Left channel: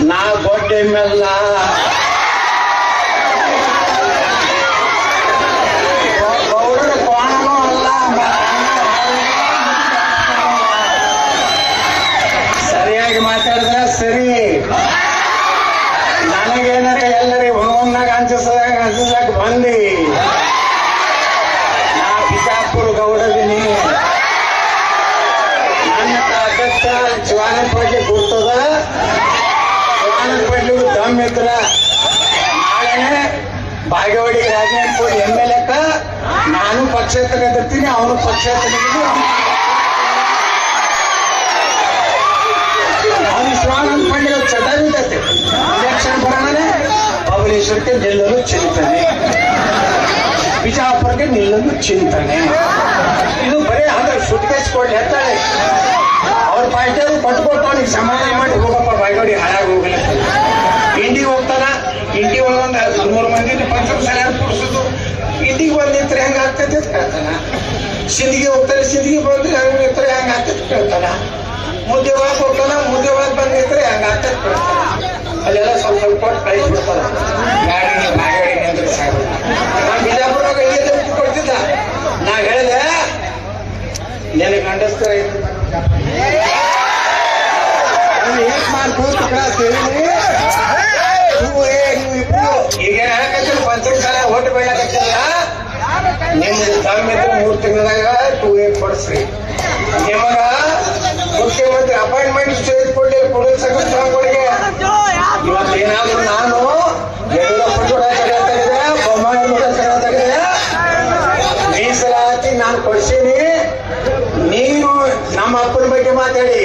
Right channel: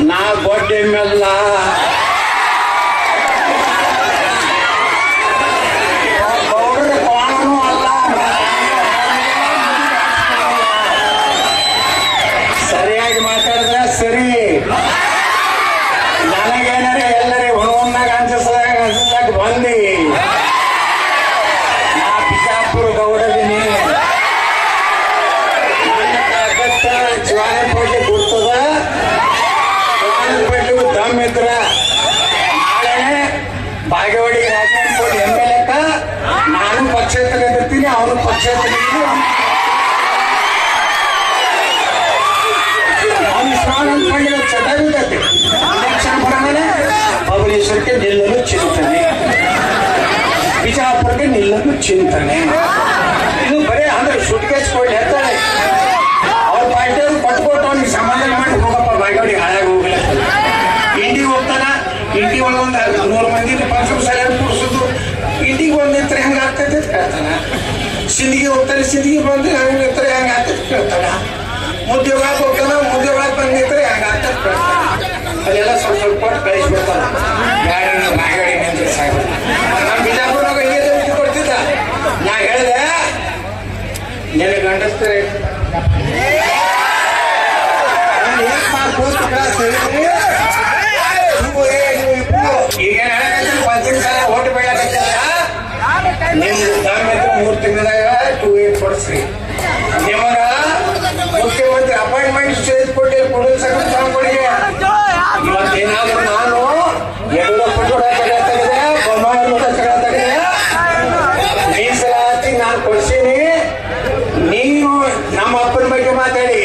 నా గొడ్డె మెల్లా ಬಾಗೇವಾಡಿ ರಾಜೇಂದ್ರ ಎಂ ಎಲ್ ಎಕ್ಕ ನಾನು ಅವನು ಪಕ್ಷೇತರ ಅವನು ಶ್ರಾವಣ ಮಾಡಿದ ಚಟಾವಿದತೆ ಎಲೆಕ್ಷನ್ ಬರೋಣ ಬಬಲೇಶ್ವರಕ್ಕೆ ನಿಲ್ಲಲು ಚಿಂತನೆ. ಬಿಜಾಪುರಕ್ಕೆ ನಿಲ್ಲಲು ಚಿಂತನೆ. ಇದು ಬರೀ ಅಂದ್ರೆ ಸುಟ್ಕೇಸ್ ಕೊಟ್ಟು ಹೇಳ್ತಾರೆ ಅವ್ರ ಪಾರ್ಟಿಯವರು ಕೊಟ್ಕೊಟ್ಟು ಅವ್ನಿಗೆ ಸಮಾಧಾನ ಬಂದು ಇರ್ತಾರೆ ಹೆಂಗ ಆಗ್ತೈತೆ ಕೇಳ್ತಾನ ಮುದ್ದೆ ಒಳಗೆ ಹೋಗ್ತಾನ ಮುದ್ದೆ ಒಳಗೆ ಬಂದಿದ್ರೆ ಹೆಂಗ ಕೇಳ್ತಾನ ಅಲ್ಲೆಲ್ಲ ಸ್ವಲ್ಪ ಸ್ವಲ್ಪ ಕೊಟ್ಟು ಕಳಿಸ್ಬಿಡ್ತಾನ ಗಾಡಿ ಬಾಯ್ಗಡಿ ನಿಂತ್ರೆ ಸಾಕು ನಾ ಬಿಜಾಪುರಾಗ ಐದು ಕೊಡ್ತಿದ್ದ ನಾ ಹೇಳಿದೆ ನಿನಗೆ ಗಂಡಸ್ತಾರೆ ಕೊಡಿಸ್ರಿ ನಿಮಗ ಅಪಾಯಿಂಟ್ಮೆಂಟ್ ಸ್ಟೇಜ್ ಕೊಟ್ಟು ಇವತ್ತೇನಾದ್ರೂ ನಾನು ಯಡಿಯೂರಪ್ಪ ಕೂಡ ತಡೆ ತೆಗೆದೆ ಬೊಮ್ಮಾಯಿ ನಾನು ನೀವು ನಮ್ಮ ಅಪ್ಪನ ಬಗ್ಗೆ ಮಾತಾಡಿ.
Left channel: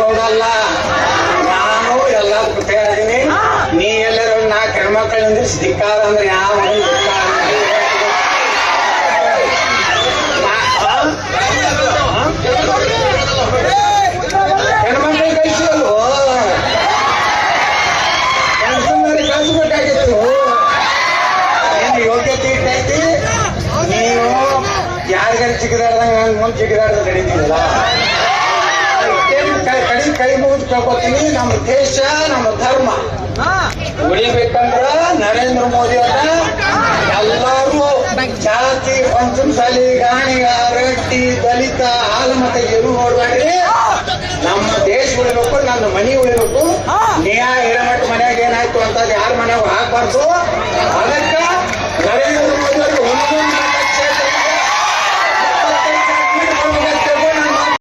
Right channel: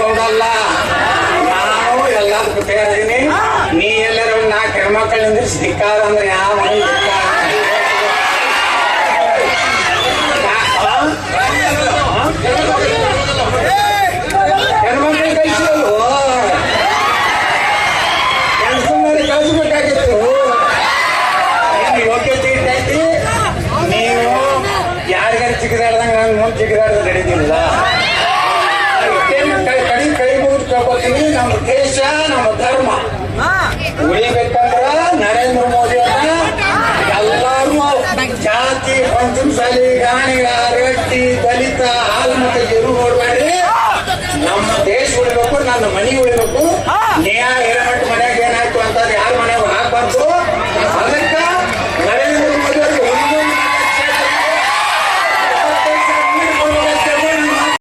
ಮಗ ಇರೋದಲ್ಲ ನಾನು ಎಲ್ಲದಕ್ಕೂ ತಯಾರಿದ್ದೀನಿ ನೀ ಎಲ್ಲರೂ ನಾ ಹೆಣ್ಮಕ್ಳಿಂದ ಧಿಕ್ಕಾರ ಅಂದ್ರೆ ಯಾವ ಮನೆ ಧಿಕ್ಕಾರ ಹೆಣ್ಮಕ್ಳಿಗೆ ಕಳಿಸಿದಲ್ವೋ ಹೆಣ್ಸಂದ್ರೆ ಕಳಿಸ್ಬೇಕಾಗಿತ್ತು ನಿನ್ನ ಯೋಗ್ಯತೆ ಇರ್ತೈತಿ ನೀವು ಯಾರಿಗಾರು ಚಿಕ್ಕದಾಡ್ದಂಗ ಹಂಗ ಮುಂದೆ ಚಿಕ್ಕದಾಡ್ದ ನಡೀತಿಲ್ಲ ಕೇಳ್ಕೊತೀನಿ ನಮ್ಮ ದೇಶ ನಮ್ಮ ಧರ್ಮ. ಉಳಿಬೇಕಂದ್ರ ನರೇಂದ್ರ ಮೋದಿ ಅವ್ರ ಎಲ್ಲರೂ ಜಾತಿ ಪಂಚಮಸಾಲಿ ಗಾಣಿಗ ರೆಡ್ಡಿ ದಲಿತ ಹಾಲು ಮತ್ತೆ ಎರು ನೋಡ್ಬೇಡ್ರಿ ನಮ್ಮ ದೇಶ ಉಳಿಬೇಕು ನನ್ನ ಮನೆ